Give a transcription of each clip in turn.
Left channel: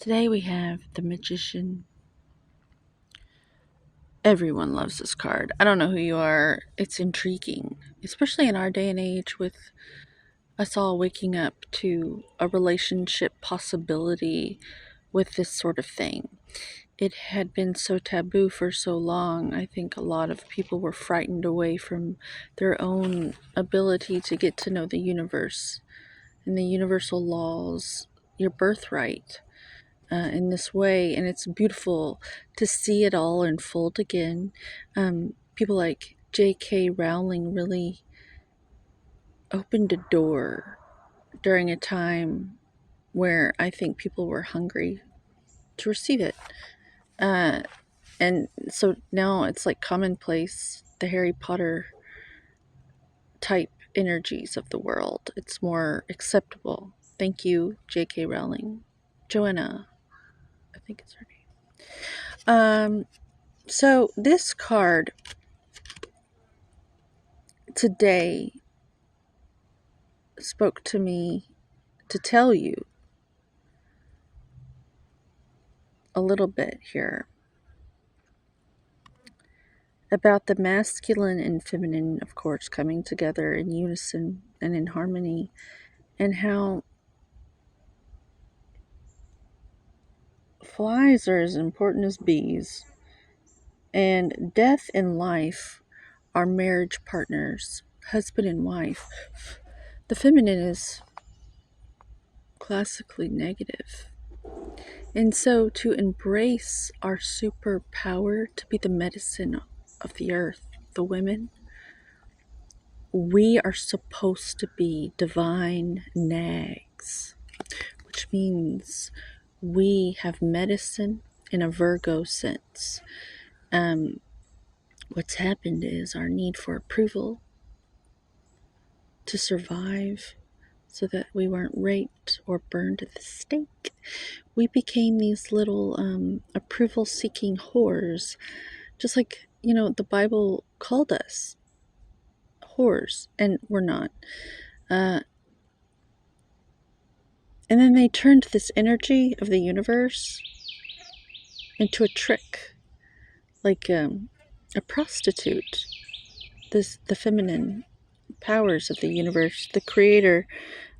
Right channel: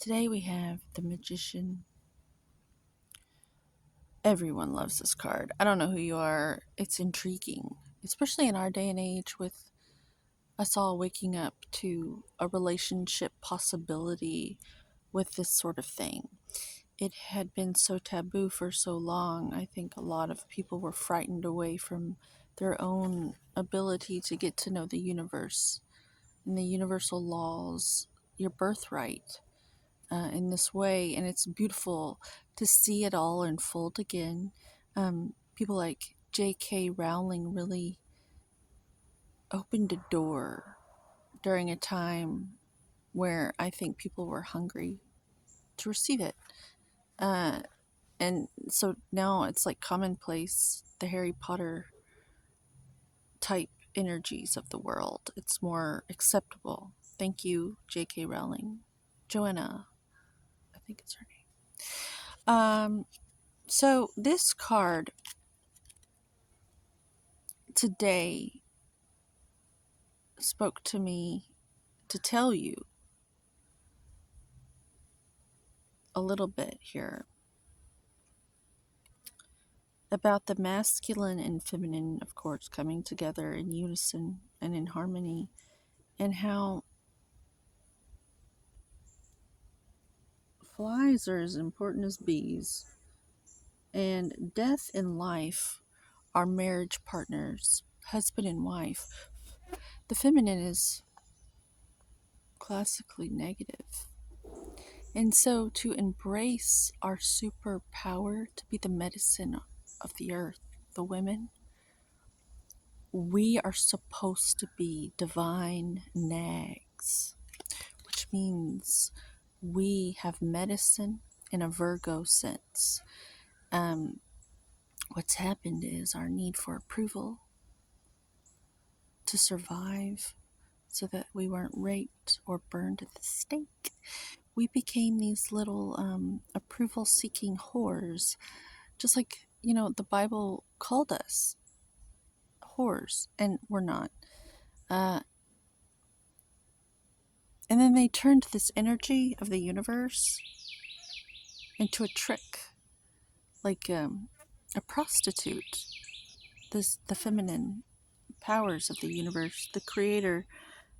Today we have the Magician. Everyone loves this card. I don't know who you are. It's intriguing, especially in our day and age with us all waking up to a relationship possibility with this sort of thing. It had been so taboo for so long. I think a lot of people were frightened away from their own ability to get to know the universe and the universal laws, your birthright. In this way, and it's beautiful to see it all unfold again. People like J.K. Rowling really opened a door during a time where I think people were hungry to receive it. Uh, and so now it's like commonplace, the Harry Potter type energies of the world. It's more acceptable. Thank you, J.K. Rowling. Joanna, I think it's her name. So this card today spoke to me to tell you a little bit here about the masculine and feminine, of course, coming together in unison and in harmony, and how flies are as important as bees, and death and life are marriage partners, husband and wife. The feminine is classically negative. And so to embrace our superpower to be the medicine of the earth, the women, we are supposed to be divine nags, which means we have medicine in a Virgo sense. What's happened is our need for approval to survive so that we weren't raped or burned at the stake. We became these little approval seeking whores, just like, the Bible called us whores, and we're not. And then they turned this energy of the universe into a trick, like a prostitute. The feminine powers of the universe, the creator,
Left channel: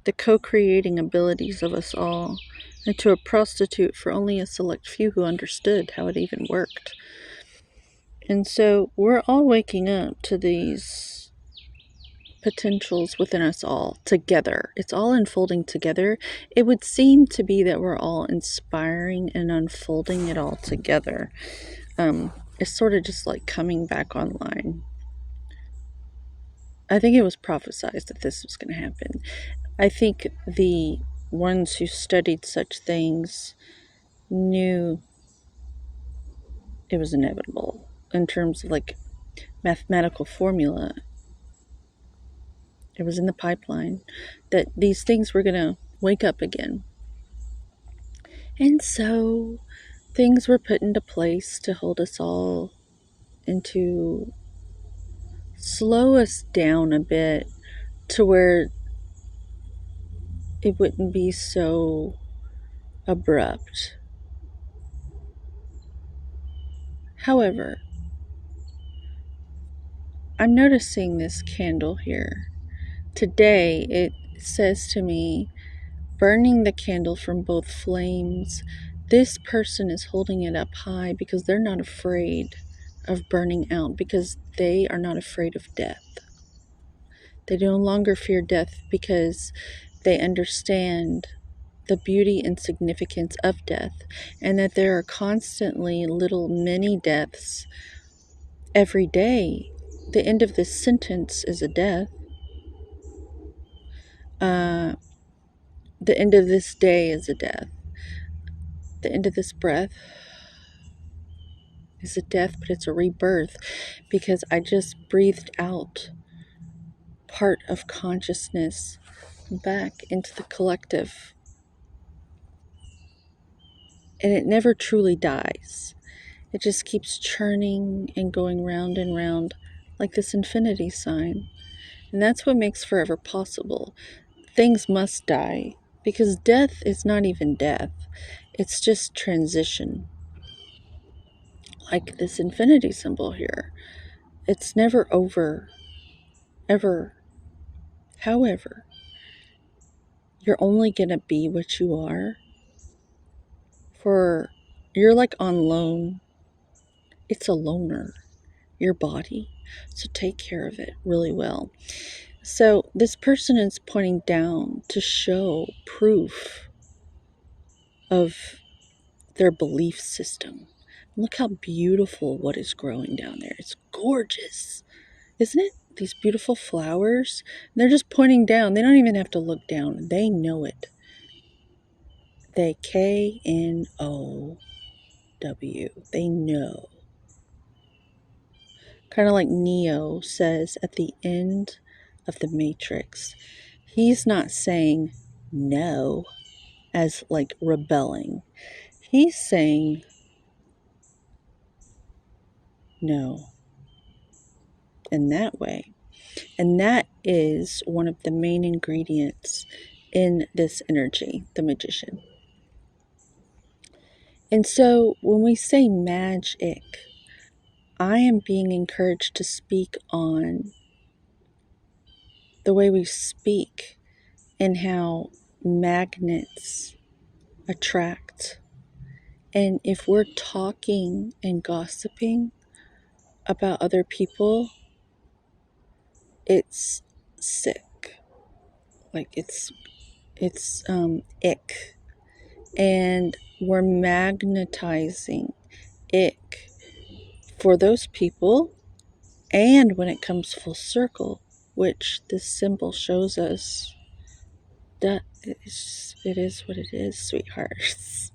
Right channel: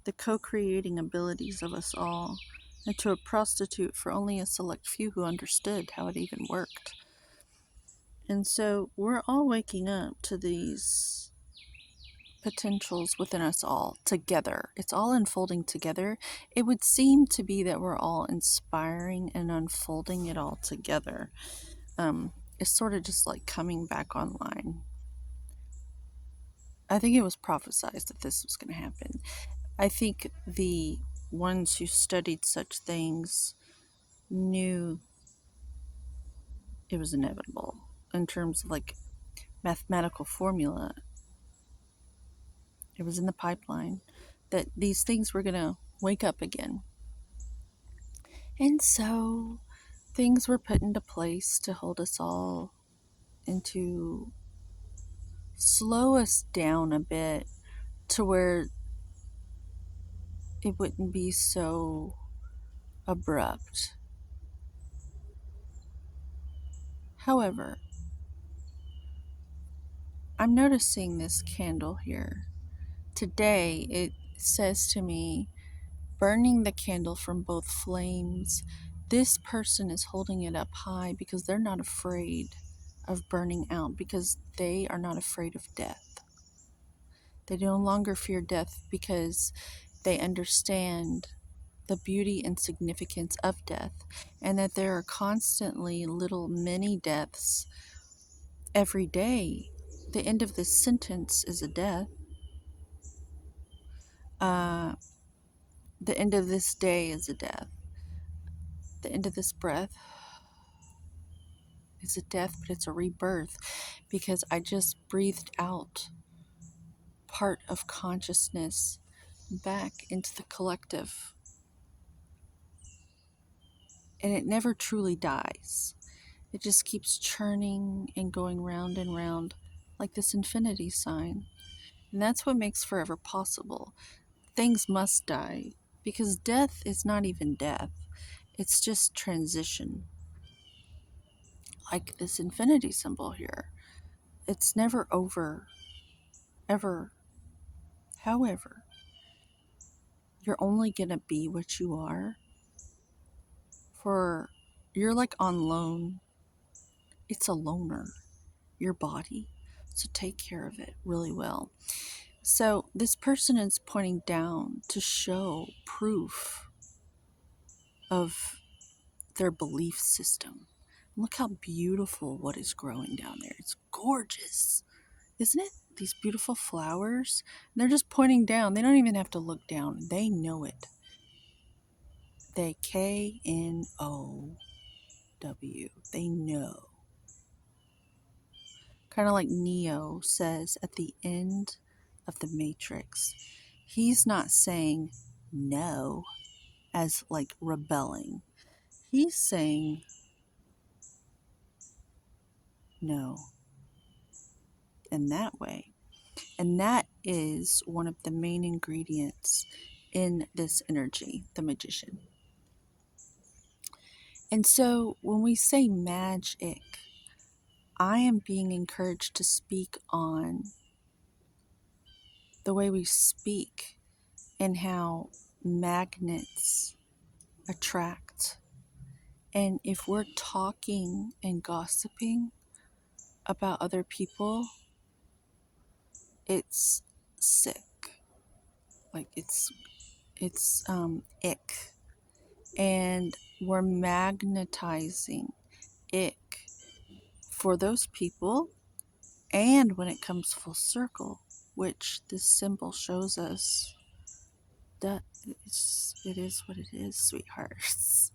the co-creating abilities of us all, into a prostitute for only a select few who understood how it even worked. And so we're all waking up to these potentials within us all together. It's all unfolding together. It would seem to be that we're all inspiring and unfolding it all together. It's sort of just like coming back online. I think it was prophesied that this was going to happen. I think the ones who studied such things knew it was inevitable in terms of like mathematical formula. It was in the pipeline that these things were going to wake up again. And so things were put into place to hold us all and to slow us down a bit to where it wouldn't be so abrupt. However, I'm noticing this candle here. Today it says to me, burning the candle from both flames. This person is holding it up high because they're not afraid of burning out, because they are not afraid of death. They no longer fear death because they understand the beauty and significance of death, and that there are constantly little mini deaths every day. The end of this sentence is a death. The end of this day is a death. The end of this breath is a death, but it's a rebirth, because I just breathed out part of consciousness back into the collective. And it never truly dies. It just keeps churning and going round and round like this infinity sign. And that's what makes forever possible. Things must die, because death is not even death. It's just transition. Like this infinity symbol here. It's never over, ever. However, you're only going to be what you are for, you're like on loan. It's a loner, your body. So take care of it really well. So this person is pointing down to show proof of their belief system. Look how beautiful what is growing down there. It's gorgeous, isn't it? These beautiful flowers. They're just pointing down. They don't even have to look down. They know it. They KNOW. They know. Kind of like Neo says at the end of the Matrix. He's not saying no as like rebelling. He's saying no in that way. And that is one of the main ingredients in this energy, the magician. And so when we say magic, I am being encouraged to speak on the way we speak and how magnets attract. And if we're talking and gossiping about other people, it's sick. Like it's ick. And we're magnetizing ick for those people. And when it comes full circle, which this symbol shows us, that it is what it is, sweethearts.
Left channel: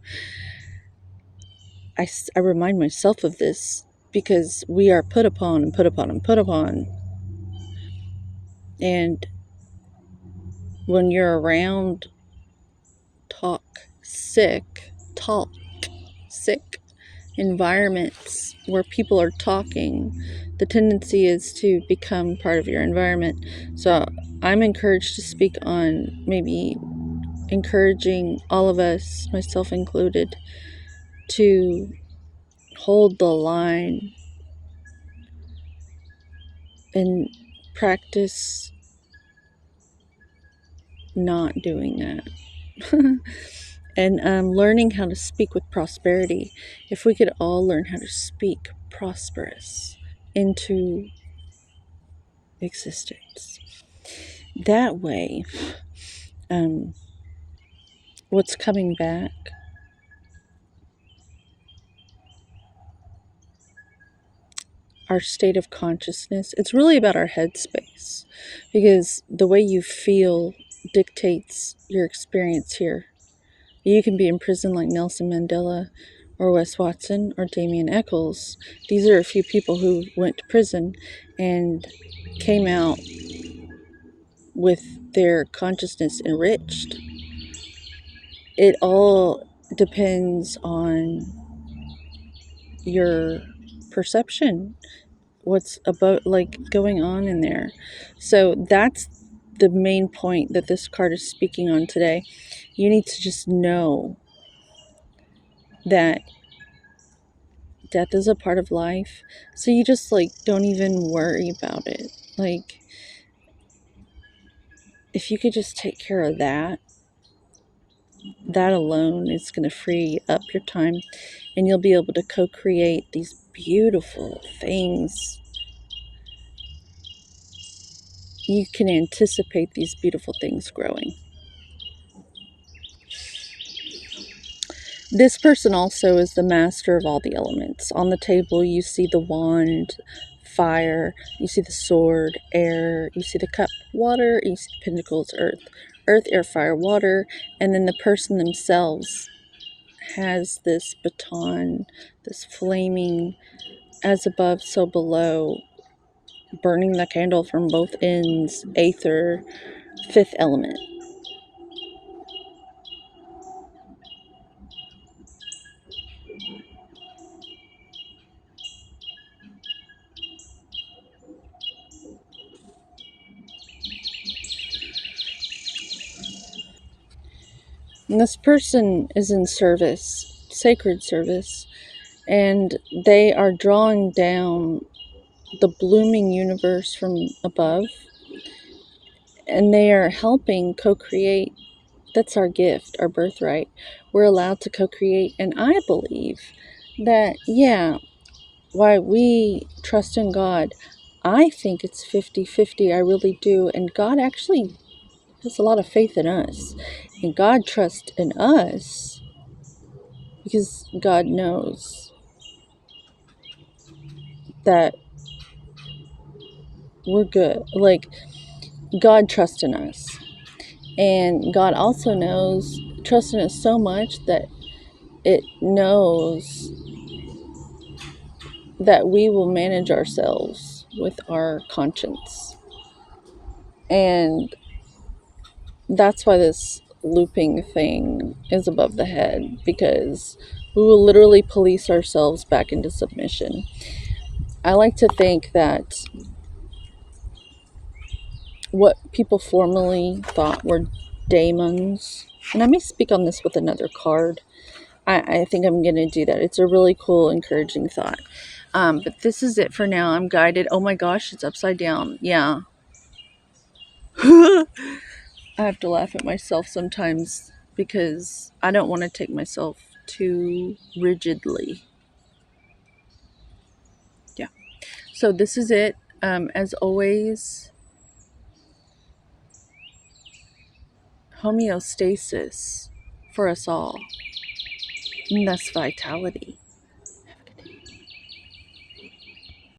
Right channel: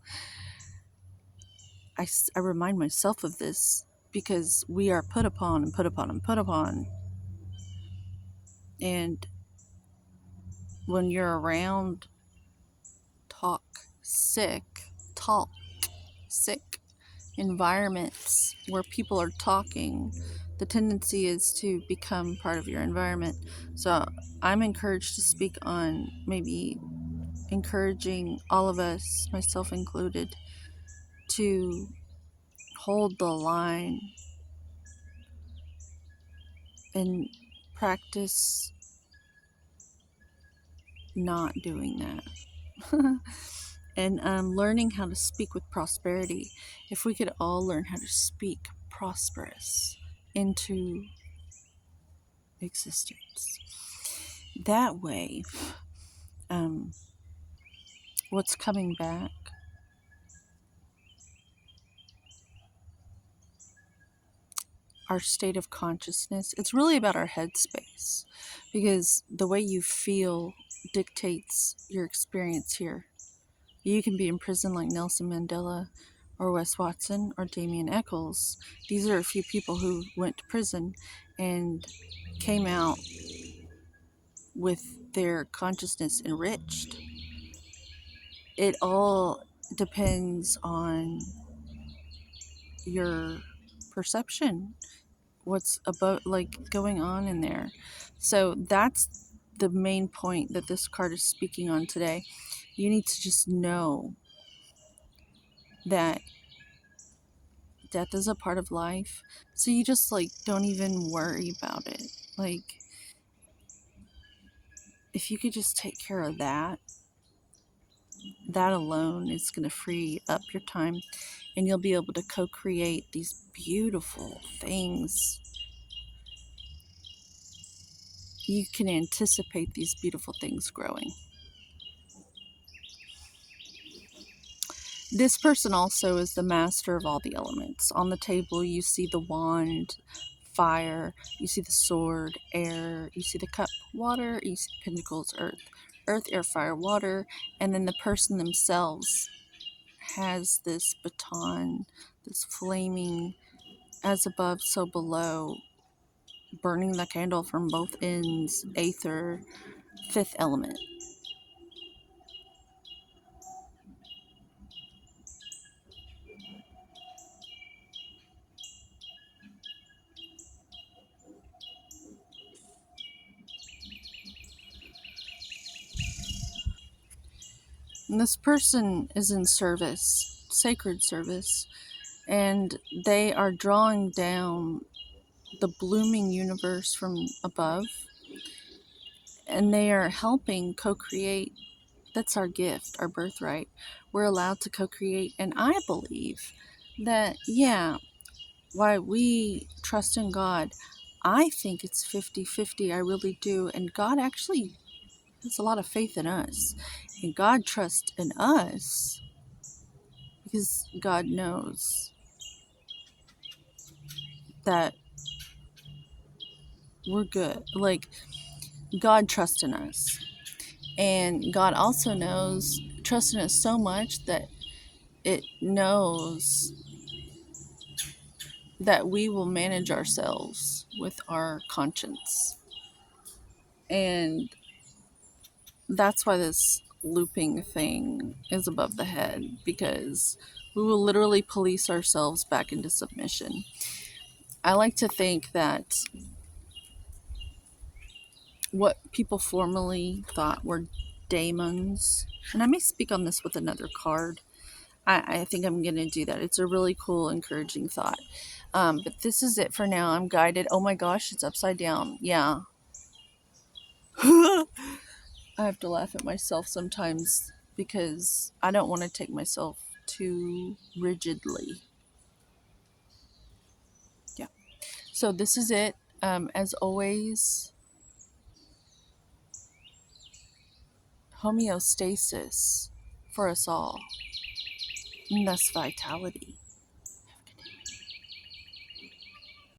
I remind myself of this because we are put upon and put upon and put upon. And when you're around toxic environments where people are talking, the tendency is to become part of your environment. So I'm encouraged to speak on maybe encouraging all of us, myself included, to hold the line and practice not doing that. And learning how to speak with prosperity. If we could all learn how to speak prosperous into existence, that way, what's coming back, our state of consciousness, it's really about our headspace, because the way you feel dictates your experience here. You can be in prison like Nelson Mandela or Wes Watson or Damien Eccles. These are a few people who went to prison and came out with their consciousness enriched. It all depends on your perception, what's about like going on in there. So that's the main point that this card is speaking on today. You need to just know that death is a part of life. So you just like don't even worry about it. Like if you could just take care of that alone is going to free up your time, and you'll be able to co-create these beautiful things. You can anticipate these beautiful things growing. This person also is the master of all the elements. On the table, you see the wand, fire, you see the sword, air, you see the cup, water, you see pentacles, earth. Earth, air, fire, water, and then the person themselves has this baton, this flaming, as above, so below, burning the candle from both ends, aether, fifth element. And this person is in service, sacred service, and they are drawing down the blooming universe from above, and they are helping co-create. That's our gift, our birthright. We're allowed to co-create, and I believe that, yeah, why we trust in God, I think it's 50-50. I really do. And God actually has a lot of faith in us, and God trusts in us because God knows that we're good. Like, God trusts in us. And God also knows, trusts in us so much that it knows that we will manage ourselves with our conscience. And that's why this looping thing is above the head, because we will literally police ourselves back into submission. I like to think that what people formerly thought were daemons, and I may speak on this with another card. I think I'm going to do that. It's a really cool, encouraging thought. But this is it for now. I'm guided. Oh my gosh, it's upside down. Yeah. I have to laugh at myself sometimes because I don't want to take myself too rigidly. Yeah. So this is it. As always, homeostasis for us all. And that's vitality.